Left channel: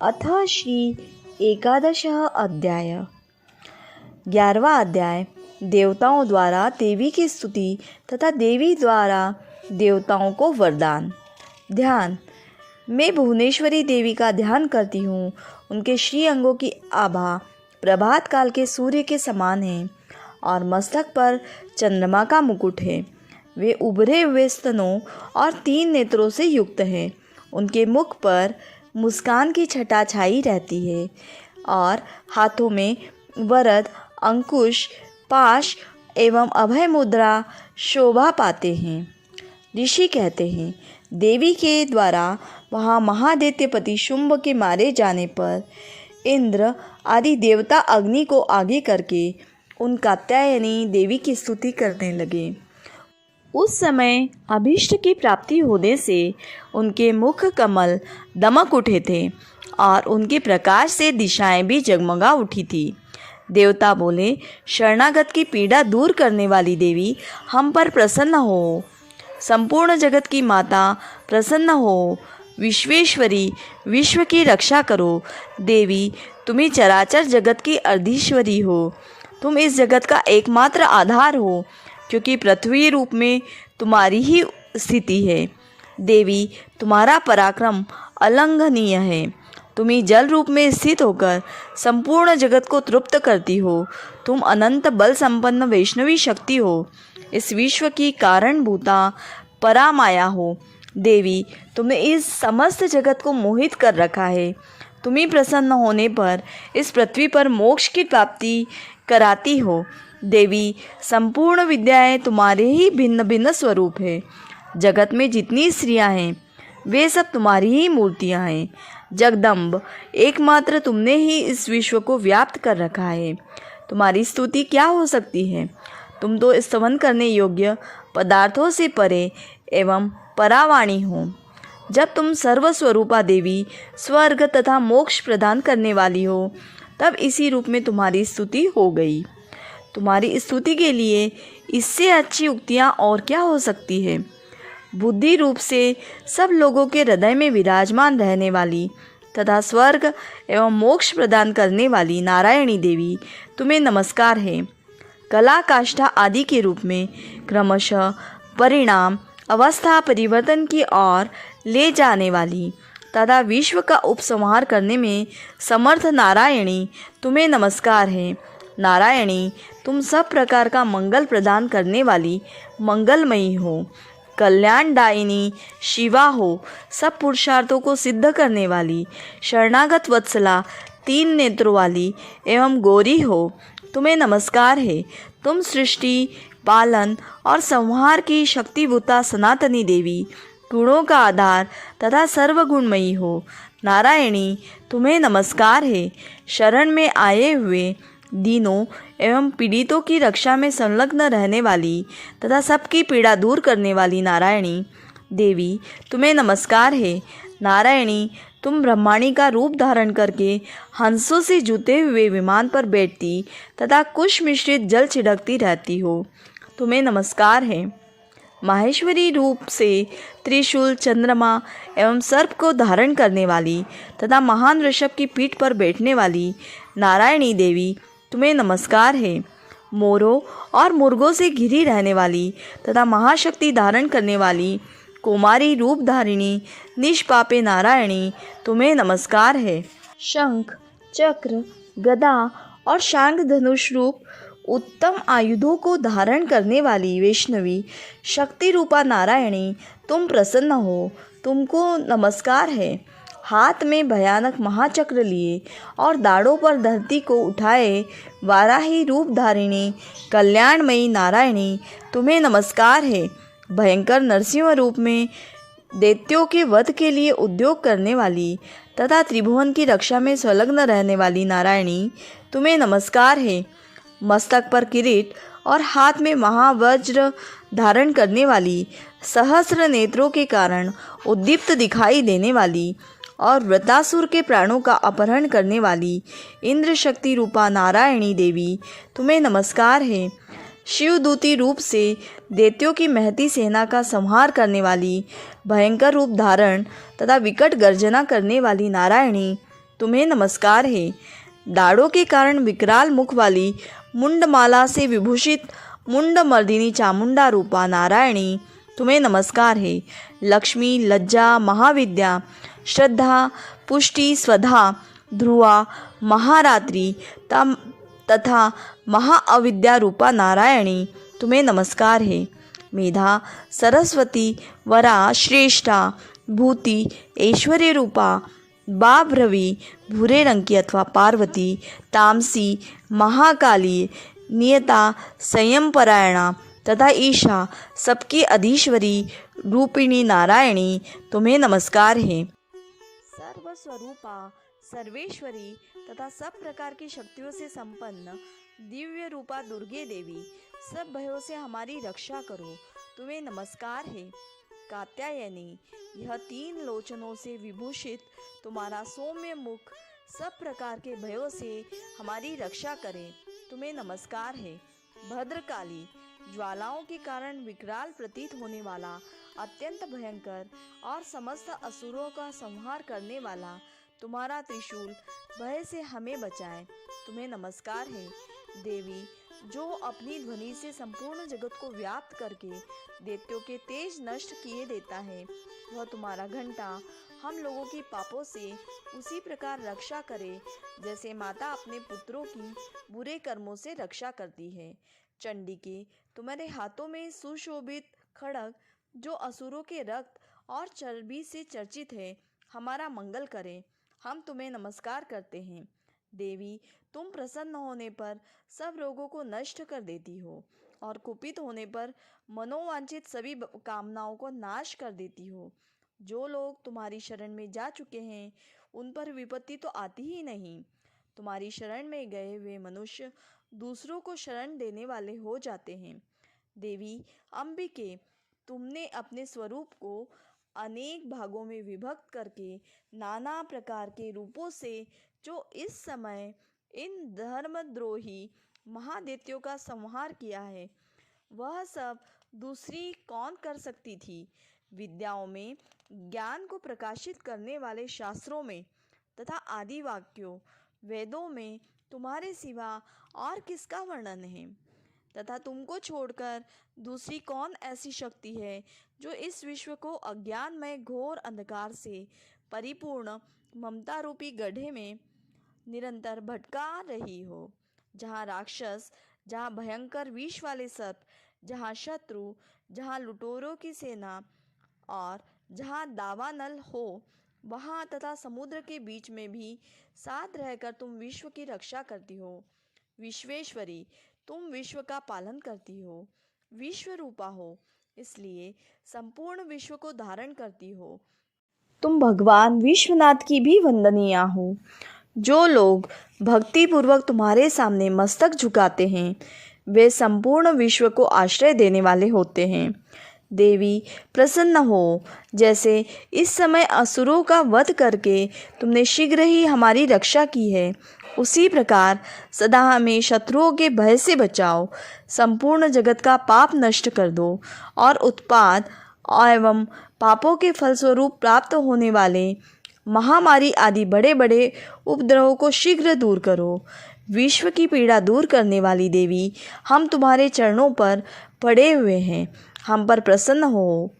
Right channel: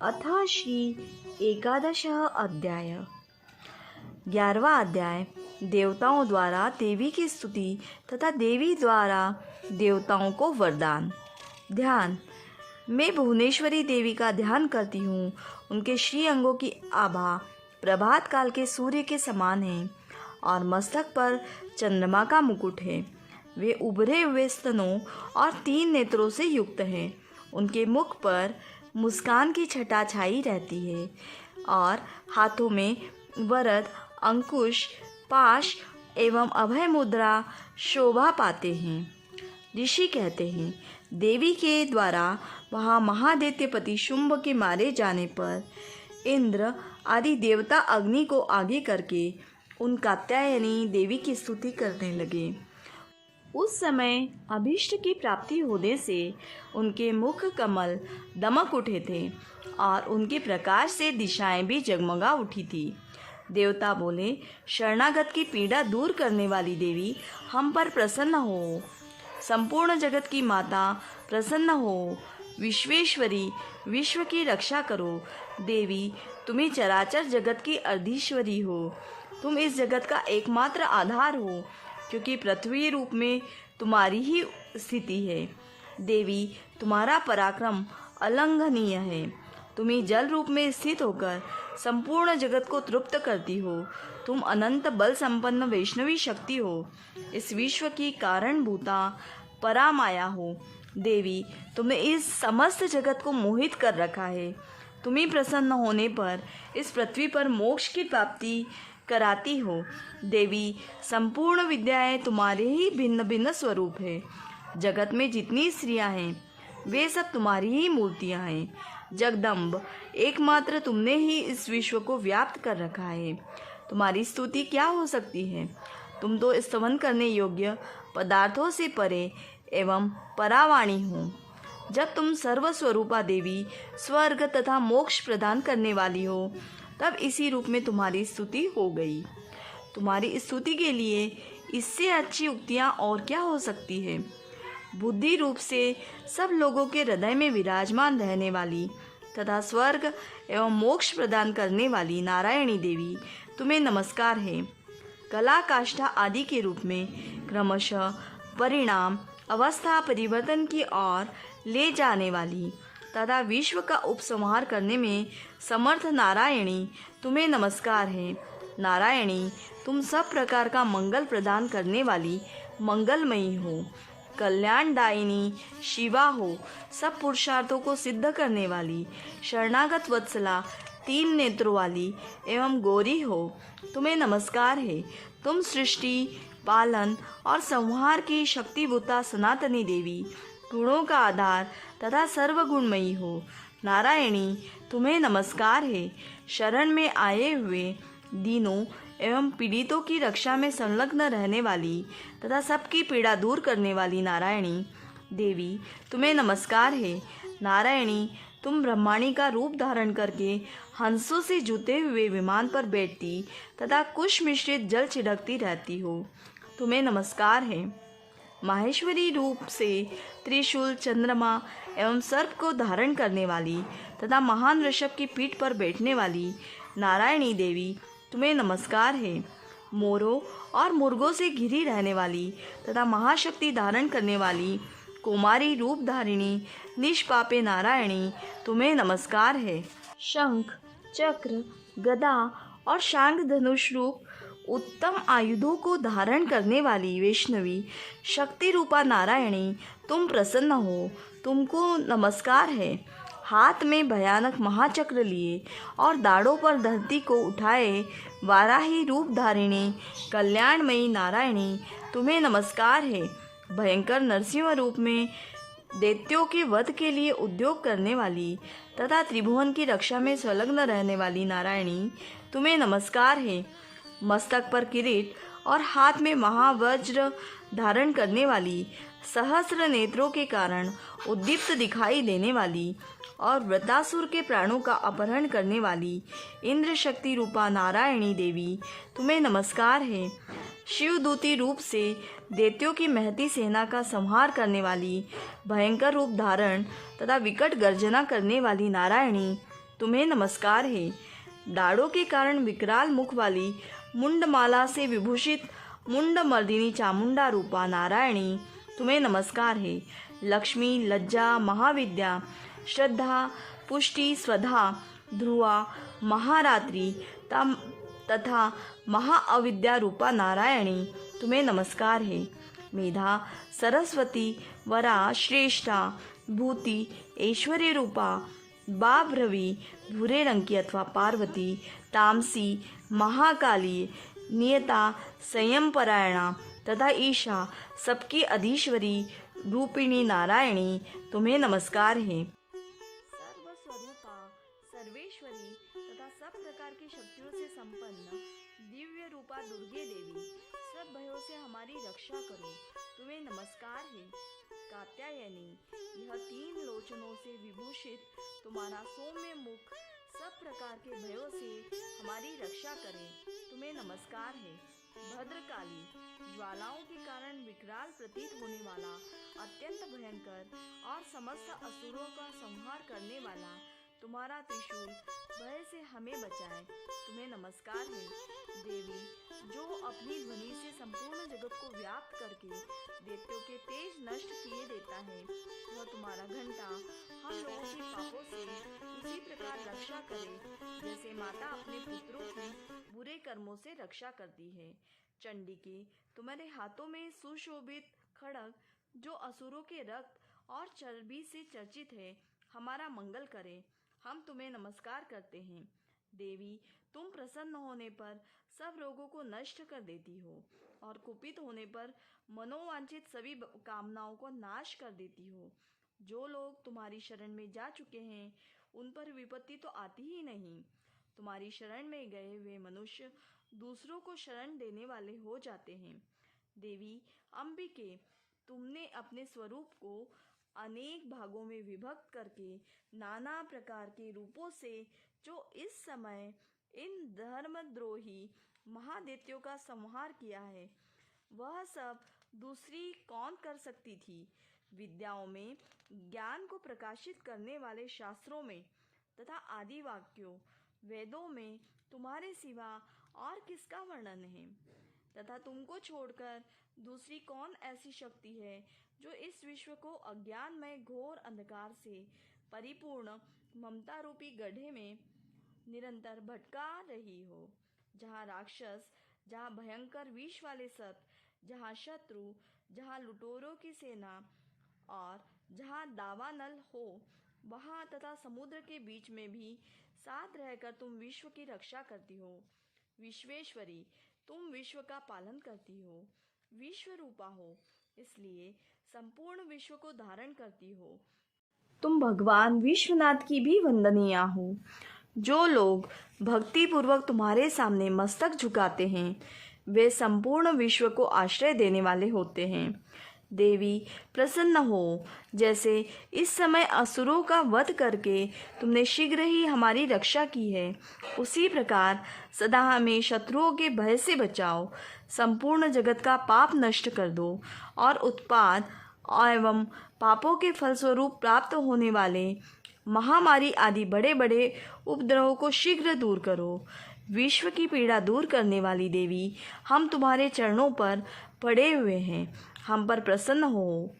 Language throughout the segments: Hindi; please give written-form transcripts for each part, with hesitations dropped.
अथ श्री एकादश अध्याय। 11वां अध्याय। देवताओं द्वारा देवी की स्तुति तथा देवी द्वारा देवताओं को वरदान। ध्यान। मैं भुवनेश्वरी देवी का ध्यान करती हूँ। उनके श्री अंगों की आभा प्रभात काल के सूर्य के समान है और मस्तक पर चंद्रमा का मुकुट है। वे उभरे हुए स्तनों और 3 नेत्रों से युक्त हैं। उनके मुख पर मुस्कान की छटा छाई रहती है और हाथों में वरद, अंकुश, पाश एवं अभय मुद्रा शोभा पाते हैं। ऋषि कहते हैं, देवी के द्वारा वहाँ महादैत्यपति शुंभ के मारे जाने पर इंद्र आदि देवता अग्नि को आगे करके उन कात्यायनी देवी की स्तुति करने लगे। उस समय अभीष्ट की प्राप्ति होने से उनके मुख कमल दमक उठे थे और उनके प्रकाश से दिशाएं भी जगमगा उठी थी। देवता बोले, शरणागत की पीड़ा दूर करने वाली देवी, हम पर प्रसन्न हो। संपूर्ण जगत की माता, प्रसन्न हो। विश्वेश्वरी, विश्व की रक्षा करो। देवी, तुम्ही चराचर जगत की अर्धीश्वरी हो। तुम इस जगत का एकमात्र आधार हो, क्योंकि पृथ्वी रूप में तुम्हारी ही स्थिति है। देवी, तुम्हारा पराक्रम अलंघनीय है। तुम्ही जल रूप में स्थित होकर संपूर्ण जगत को तृप्त करती हो। तुम अनंत बल संपन्न वैष्णवी शक्ति हो। इस विश्व की कारणभूता परामाया हो। देवी, तुमने इस समस्त जगत को मोहित कर रखा है। तुम्ही प्रसन्न होने पर इस पृथ्वी पर मोक्ष की प्राप्ति कराती हो। देवी, संपूर्ण विद्याएं तुम्हारे ही भिन्न भिन्न स्वरूप है। जगत में जितनी स्त्रियां हैं वे सब तुम्हारी ही मूर्तियां हैं। जगदम्ब, एकमात्र तुमने ही इस विश्व को व्याप्त कर रखा है। तुम्हारी स्तुति क्या हो सकती है? तुम तो स्तवन करने योग्य पदार्थों से परे एवं परावाणी हो। जब तुम सर्वस्वरूपा देवी, स्वर्ग तथा मोक्ष प्रदान करने वाली हो, तब इसी रूप में तुम्हारी स्तुति हो गई। तुम्हारी स्तुति के लिए इससे अच्छी उक्तियाँ और क्या हो सकती है? बुद्धि रूप से सब लोगों के हृदय में विराजमान रहने वाली तथा स्वर्ग एवं मोक्ष प्रदान करने वाली नारायणी देवी, तुम्हें नमस्कार है। कला, काष्ठा आदि के रूप में क्रमशः परिणाम अवस्था परिवर्तन की ओर ले जाने वाली तथा विश्व का उपसंहार करने में समर्थ नारायणी, तुम्हें नमस्कार है। नारायणी, तुम सब प्रकार का मंगल प्रदान करने वाली मंगलमयी हो। कल्याणदायिनी शिवा हो। सब पुरुषार्थों को सिद्ध करने वाली शरणागत वत्सला, 3 नेत्रों वाली एवं गौरी हो। तुम्हें नमस्कार है। तुम सृष्टि, पालन और संहार की शक्तिभूता सनातनी देवी, गुणों का आधार तथा सर्वगुणमयी हो। नारायणी, तुम्हें नमस्कार है। शरण में आए हुए दीनों एवं पीड़ितों की रक्षा में संलग्न रहने वाली तथा सबकी पीड़ा दूर करने वाली नारायणी देवी, तुम्हें नमस्कार है। नारायणी, तुम ब्रह्माणी का रूप धारण करके हंसों से जुते हुए विमान पर बैठती तथा कुश मिश्रित जल छिड़कती रहती हो। तुम्हें नमस्कार है। माहेश्वरी रूप से त्रिशूल, चंद्रमा एवं सर्प को धारण करने वाली तथा महान ऋषभ की पीठ पर बैठने वाली नारायणी देवी, तुम्हें नमस्कार है। मोरों और मुर्गों से घिरी रहने वाली तथा महाशक्ति धारण करने वाली कुमारी रूप धारिणी निष्पापे नारायणी, तुम्हें नमस्कार है। शंख, चक्र, गदा और शांग धनुष रूप उत्तम आयुधों को धारण करने वाली वैष्णवी शक्ति रूपा नारायणी, तुम प्रसन्न हो। तुमको नमस्कार है। हाथ में भयानक महाचक्र लिए और दाढ़ों पर धरती को उठाए वाराही रूप धारिणी कल्याणमयी नारायणी, तुम्हें नमस्कार है। भयंकर नरसिंह रूप में दैत्यों के वध के लिए उद्योग करने वाली तथा त्रिभुवन की रक्षा में संलग्न रहने वाली नारायणी, तुम्हें नमस्कार है। मस्तक पर किरीट और हाथ में महावज्र धारण करने वाली, सहस्र नेत्रों के कारण उद्दीप्त दिखाई देने वाली और वृतासुर के प्राणों का अपहरण करने वाली इंद्र शक्ति रूपा नारायणी देवी, तुम्हें नमस्कार है। शिवदूती रूप से दैत्यों की महती सेना का संहार करने वाली, भयंकर रूप धारण तथा विकट गर्जना करने वाली नारायणी, तुम्हें नमस्कार है। दाढ़ों के कारण विकराल मुख वाली मुंडमाला से विभूषित मुंडमर्दिनी चामुंडा रूपा नारायणी, तुम्हें नमस्कार है। लक्ष्मी, लज्जा, महाविद्या, श्रद्धा, पुष्टि, स्वधा, ध्रुवा, महारात्रि तथा महाअविद्या रूपा नारायणी, तुम्हें नमस्कार है। मेधा, सरस्वती, वरा, श्रेष्ठा, भूति, ऐश्वर्य रूपा बाभ्रवी, भूरे रंग की अथवा पार्वती, तामसी, महाकाली, नियता, संयम परायणा तथा ईशा, सबकी अधीश्वरी रूपिणी नारायणी, तुम्हें नमस्कार है। सर्वस्वरूपा, सर्वेश्वरी तथा सब प्रकार की शक्तियों से संपन्न दिव्य रूपा दुर्गे देवी, सब भयों से हमारी रक्षा करो, तुम्हें नमस्कार है। कात्यायनी, यह 3 लोचनों से विभूषित तुम्हारा सौम्य मुख सब प्रकार के भयों से हमारी रक्षा करे, तुम्हें नमस्कार है। भद्रकाली, ज्वालाओं के कारण विकराल प्रतीत होने वाला, अत्यंत भयंकर और समस्त असुरों का संहार करने वाला तुम्हारा त्रिशूल भय से हमें बचाए, तुम्हें नमस्कार है। देवी, जो अपनी ध्वनि से संपूर्ण जगत को व्याप्त करके दैत्यों के तेज नष्ट किए देता है, वह तुम्हारा घंटा हम लोगों की पापों से उसी प्रकार रक्षा करे जैसे माता अपने पुत्रों की बुरे कर्मों से रक्षा करती है। चंडिके, तुम्हारे हाथों में सुशोभित खड्ग जो असुरों के रक्त और चर्बी से चर्चित है, हमारा मंगल करे, हम तुम्हें नमस्कार करते हैं। देवी, तुम प्रसन्न होने पर सब रोगों को नष्ट कर देती हो और कुपित होने पर मनोवांछित सभी कामनाओं को नाश कर देती हो। जो लोग तुम्हारी शरण में जा चुके हैं उन पर विपत्ति तो आती ही नहीं। तुम्हारी शरण में गए हुए मनुष्य दूसरों को शरण देने वाले हो जाते हैं। देवी अंबिके, तुमने अपने स्वरूप को अनेक भागों में विभक्त करके नाना प्रकार के रूपों से जो इस समय इन धर्मद्रोही महादैत्यों का संहार किया है, वह सब दूसरी कौन कर सकती थी। विद्याओं में, ज्ञान को प्रकाशित करने वाले शास्त्रों में तथा आदि वाक्यों वेदों में तुम्हारे सिवा और किसका वर्णन है, तथा तुमको छोड़कर दूसरी कौन ऐसी शक्ति है जो इस विश्व को अज्ञानमय घोर अंधकार से परिपूर्ण ममता रूपी गड्ढे में निरंतर भटका रही हो। जहाँ राक्षस, जहाँ भयंकर विष वाले सर्प, जहाँ शत्रु, जहाँ लुटेरों की सेना और जहाँ दावानल हो, वहाँ तथा समुद्र के बीच में भी साथ रहकर तुम विश्व की रक्षा करती हो। विश्वेश्वरी, तुम विश्व का पालन करती हो, विश्व रूपा हो, इसलिए संपूर्ण विश्व को धारण करती हो। तुम भगवान विश्वनाथ की भी वंदनीय हो। जो लोग भक्ति पूर्वक तुम्हारे सामने मस्तक झुकाते हैं, वे संपूर्ण विश्व को आश्रय देने वाले होते हैं। देवी प्रसन्न हो, जैसे इस समय असुरों का वध करके तुमने शीघ्र ही हमारी रक्षा की है, उसी प्रकार सदा हमें शत्रुओं के भय से बचाओ, संपूर्ण जगत का पाप नष्ट कर दो और उत्पाद एवं पापों के फलस्वरूप प्राप्त होने वाले महामारी आदि बड़े बड़े उपद्रवों को शीघ्र दूर करो। विश्व की पीड़ा दूर करने वाली देवी, हम तुम्हारे चरणों पर पड़े हुए हैं, हम पर प्रसन्न हो।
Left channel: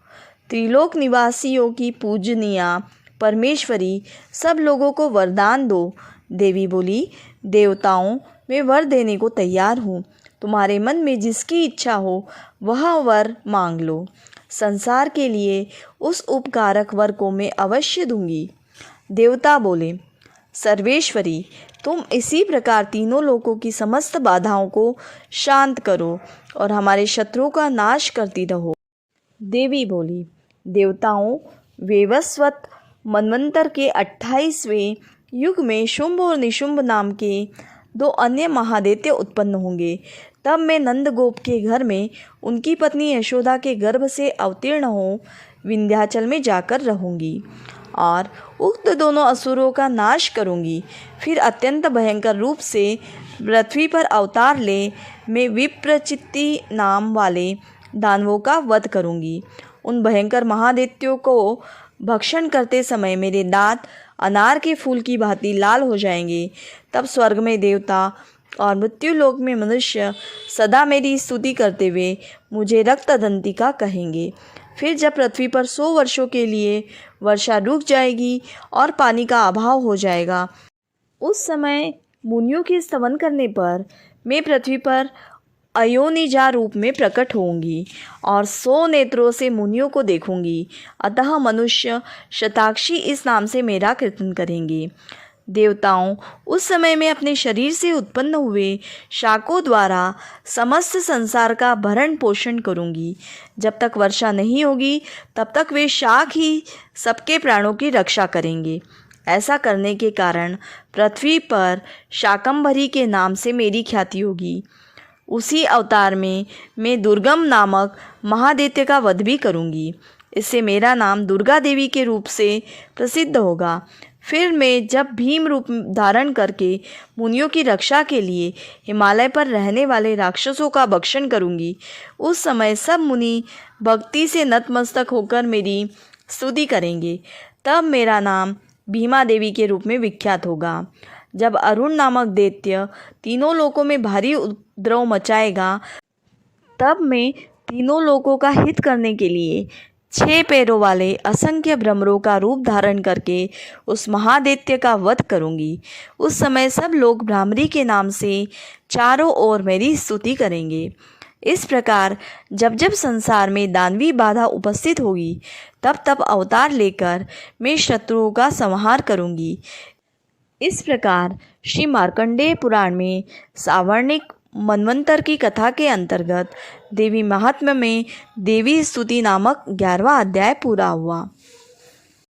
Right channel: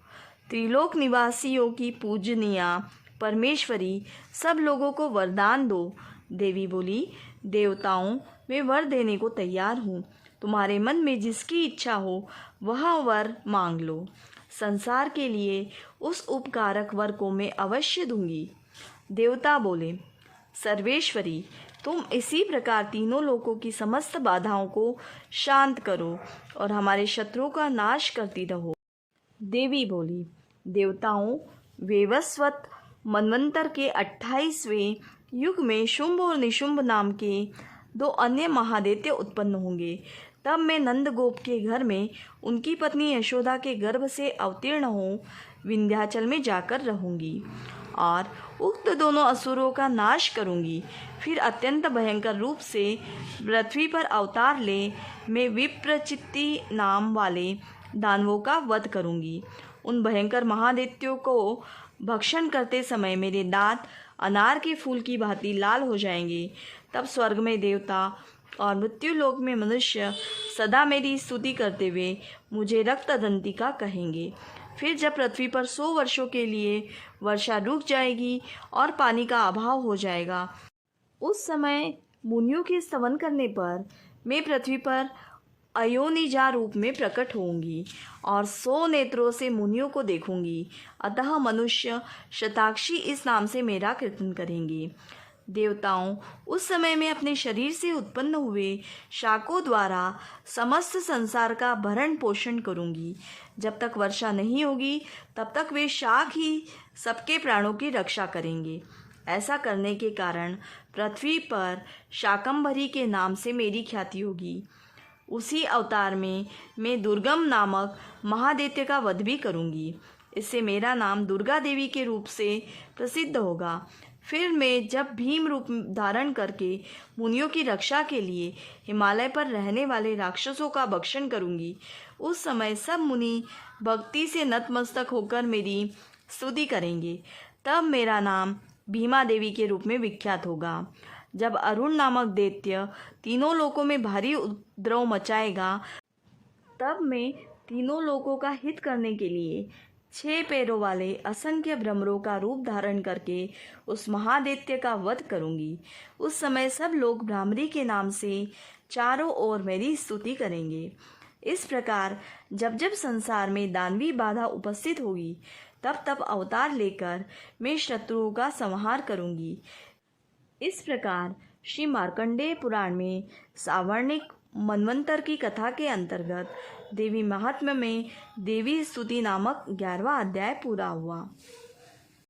त्रिलोक निवासियों की पूजनीया परमेश्वरी, सब लोगों को वरदान दो। देवी बोली, देवताओं, मैं वर देने को तैयार हूँ, तुम्हारे मन में जिसकी इच्छा हो वह वर मांग लो। संसार के लिए उस उपकारक वर को मैं अवश्य दूंगी। देवता बोले, सर्वेश्वरी, तुम इसी प्रकार तीनों लोकों की समस्त बाधाओं को शांत करो और हमारे शत्रुओं का नाश करती रहो। देवी बोली, देवताओं, वेवस्वत मनवंतर के 28वें युग में शुंभ और निशुंभ नाम के 2 अन्य महादैत्य उत्पन्न होंगे। तब मैं नंदगोप के घर में उनकी पत्नी यशोदा के गर्भ से अवतीर्ण हो विंध्याचल में जाकर रहूंगी और उक्त दोनों असुरों का नाश करूंगी। फिर अत्यंत भयंकर रूप से पृथ्वी पर अवतार ले मैं विप्रचित्ति नाम वाले दानवों का वध करूंगी। उन भयंकर महादैत्यों को भक्षण करते समय मेरे दांत अनार के फूल की भांति लाल हो जाएंगे, तब स्वर्ग में देवता और मृत्यु लोक में मनुष्य सदा मेरी स्तुति करते हुए मुझे रक्तदंतिका कहेंगे। फिर जब पृथ्वी पर 100 वर्षों के लिए वर्षा रुक जाएगी और पानी का अभाव हो जाएगा, उस समय मुनियों के स्तवन करने पर मैं पृथ्वी पर अयोनिजा रूप में प्रकट होंगी और 100 नेत्रों से मुनियों को देखूंगी। अतः मनुष्य शताक्षी इस नाम से मेरा कीर्तन करेंगे। देवताओं, उस समय मैं अपने शरीर से उत्पन्न हुए शाकों द्वारा समस्त संसार का भरण पोषण करूंगी। जब तक वर्षा नहीं होगी तब तक वे शाक ही सबके प्राणों की रक्षा करेंगे। ऐसा करने के कारण पृथ्वी पर शाकंभरी के नाम से मेरी ख्याति होगी। उसी अवतार में मैं दुर्गम नामक महादैत्य का वध भी करूंगी। इससे मेरा नाम दुर्गा देवी के रूप से प्रसिद्ध होगा। फिर मैं जब भीम रूप धारण करके मुनियों की रक्षा के लिए हिमालय पर रहने वाले राक्षसों का भक्षण करूंगी, उस समय सब मुनि भक्ति से नतमस्तक होकर मेरी स्तुति करेंगे। तब मेरा नाम भीमा देवी के रूप में विख्यात होगा। जब अरुण नामक दैत्य तीनों लोकों में भारी उपद्रव मचाएगा, तब मैं तीनों लोकों का हित करने के लिए 6 पैरों वाले असंख्य भ्रमरों का रूप धारण करके उस महादैत्य का वध करूंगी। उस समय सब लोग भ्रामरी के नाम से चारों ओर मेरी स्तुति करेंगे। इस प्रकार जब जब संसार में दानवी बाधा उपस्थित होगी, तब तब अवतार लेकर मैं शत्रुओं का संहार करूंगी। इस प्रकार श्री मार्कंडेय पुराण में सावर्णिक मनवंतर की कथा के अंतर्गत देवी महात्म्य में देवी स्तुति नामक 11वां अध्याय पूरा हुआ।